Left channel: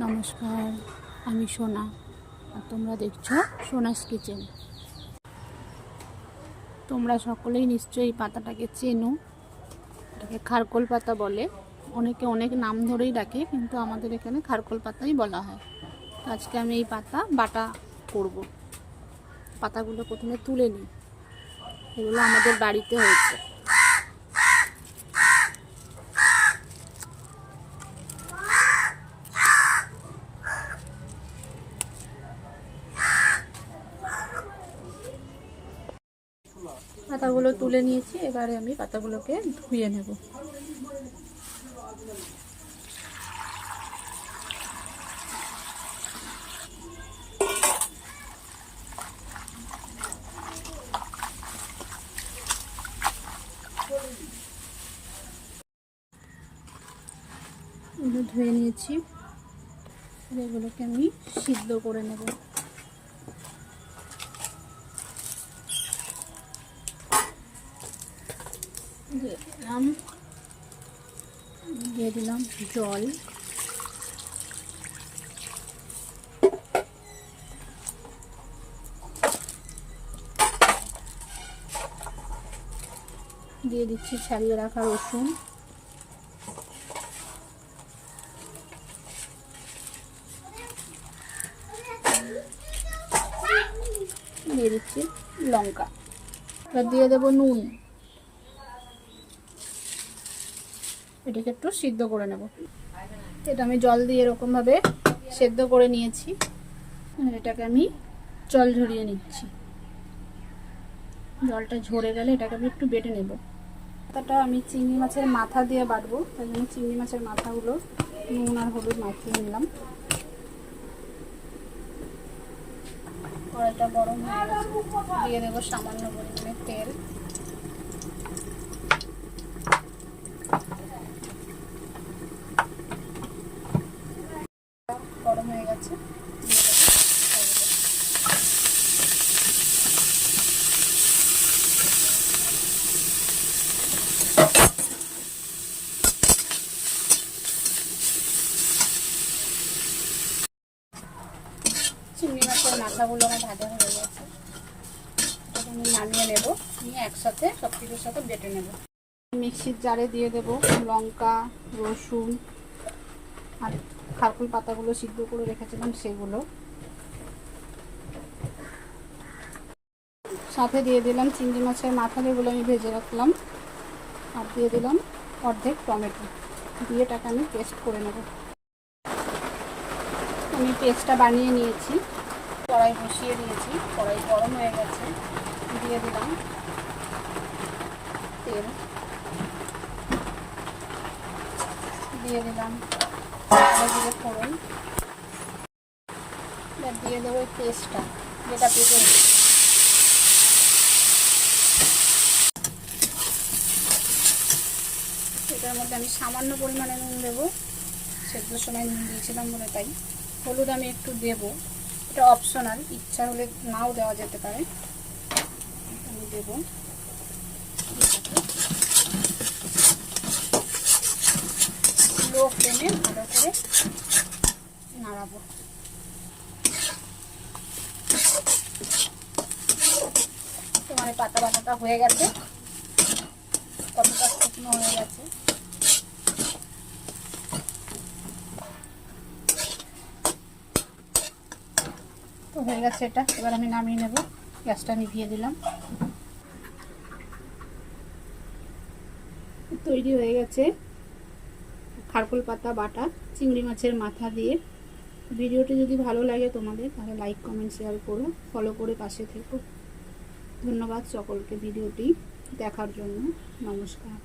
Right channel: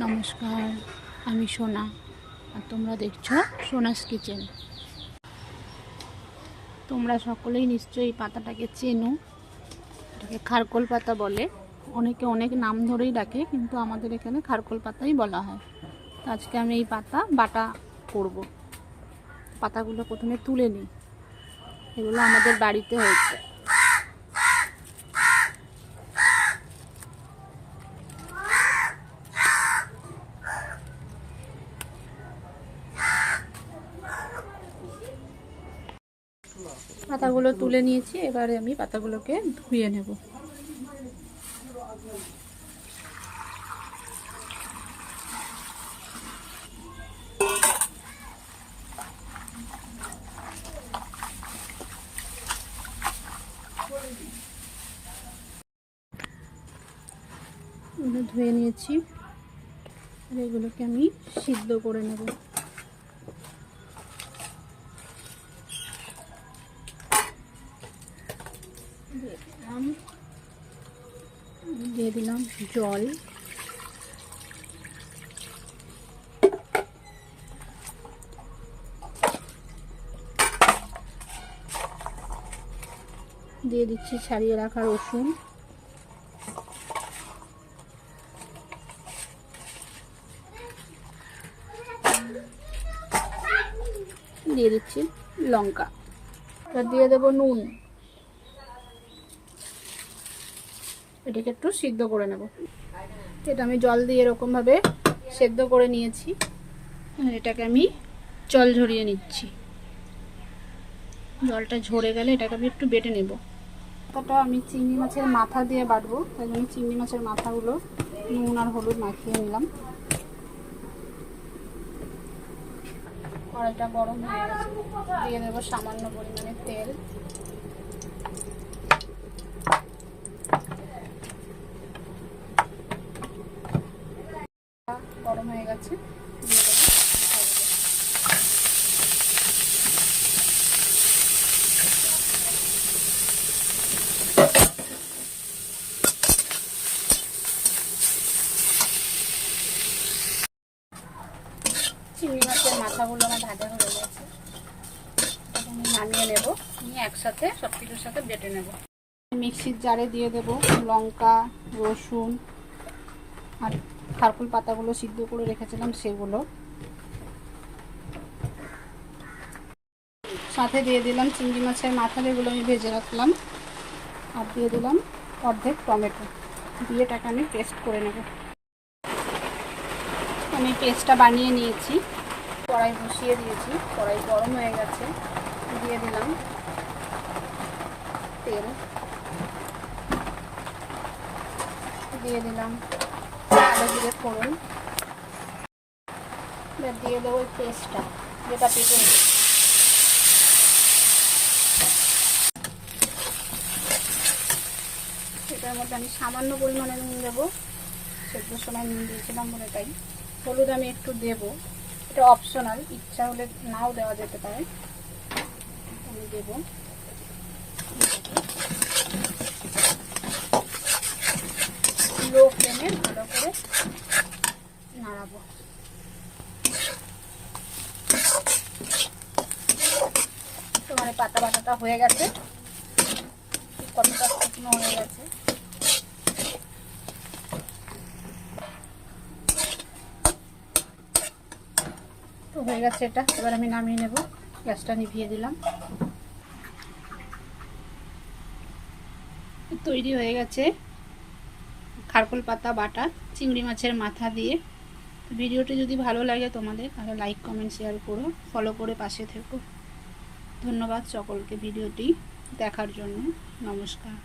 নমস্কার, আমি সোনা আর তোমরা দেখছো সোনাস কিচেন। তোমরা সকলেই নিশ্চয়ই এই পাতাটাকে চেনো। এটাকে খারকোল পাতা বলে, অনেকে অনেক নাম ধরেই ডাকে, কিন্তু আমাদের এখানে খারকোল পাতাই বলা হয়। তো আজকে আমি এই পাতা বাটা করব। পাতাগুলো প্রথমে তুলে নিই, এগুলো আমাদের বাড়িতে হয়েছে। পাতাগুলো তুলে নিয়েছি, এবারে আমি পাতাগুলোকে ধুয়ে নেব। ধুয়ে নিয়েছি, এগুলোকে আমি সিদ্ধ করে নেব। দিয়ে দিলাম জল, দিয়ে দিচ্ছি ছাড়িয়ে রাখা রসুন, দিয়ে দিচ্ছি লঙ্কা, এবার দিয়ে দেবো নুন। এটাকে একটু সিদ্ধ করে নেব। এটা আমি জল দিয়ে এরকমভাবে সেদ্ধ করে নিয়েছি, আর এটাকে আমি জল ঝরিয়ে নিচ্ছি। জলটা ঝরে গেলে এটাকে আমি একটু বেটে নেব। পাতাটা আমি চিংড়ি মাছের মাথা দিয়ে বাটবো, তাই জন্য চিংড়ি মাছের মাথাগুলো নুন আর হলুদ মাখিয়ে নিলাম। কড়াইটা গরম হয়ে গেছে, দিয়ে দেবো সামান্য পরিমাণে তেল। গরম হয়ে গেছে, চিংড়ি মাছের মাথাগুলো আমার ভাজা হয়ে গেছে, আমি নামিয়ে নেব। নিয়ে একসাথে সব কিছুর সাথে বেটে নেব। মিক্সির জারে দিয়ে দেব লঙ্কা, রসুন আর খারকোল পাতাগুলো সিদ্ধ করে রেখেছিলাম সেগুলো, সাথে দিয়ে দিলাম চিংড়ি মাছের মাথা যেগুলো আমি ভেজে রাখলাম, আর দিয়ে দিলাম অর্ধেক টমেটো। দিয়ে এটাকে আমি পেস্ট করে নেব। আমি পেস্টটা বানিয়ে নিয়েছি, কড়াই বসিয়ে দিয়েছি, কড়াই গরম হয়ে গেছে, দিয়ে দিলাম তেল, দিয়ে দিলাম আদা জিরে ফোড়ন, এবার দিয়ে দেবো ওই পেস্টটা যেটা পেটে। এটার মধ্যে আমি সামান্য পরিমাণে নুন দেবো, সেদ্ধর সময় নুন দিয়েছিলাম বলে তাই। হলুদ আমি একটু দেবো, এটা অপশনাল, ইচ্ছা হলে নাও দেওয়া যেতে পারে। আমি দেবো, লো ফ্লেমে ভালো করে নাড়াবো। তোমার পাতা বাটাটা হয়ে গেছে, কতটা শুকনো হয়ে গেছে। তো হয়ে গেছে এটা, এবার আমি নামিয়ে নেব। গ্যাসটা নিভিয়ে দিলাম। তৈরি হয়ে গেছে খারকোল পাতা বাটা চিংড়ি মাছের মাথা দিয়ে। ভিডিওটি যদি ভালো লাগে তোমাদের, তাহলে লাইক কমেন্ট শেয়ার করো, ফলো করে পাশে থেকো। ধন্যবাদ সকলকে ভিডিওটি দেখার জন্য। নমস্কার।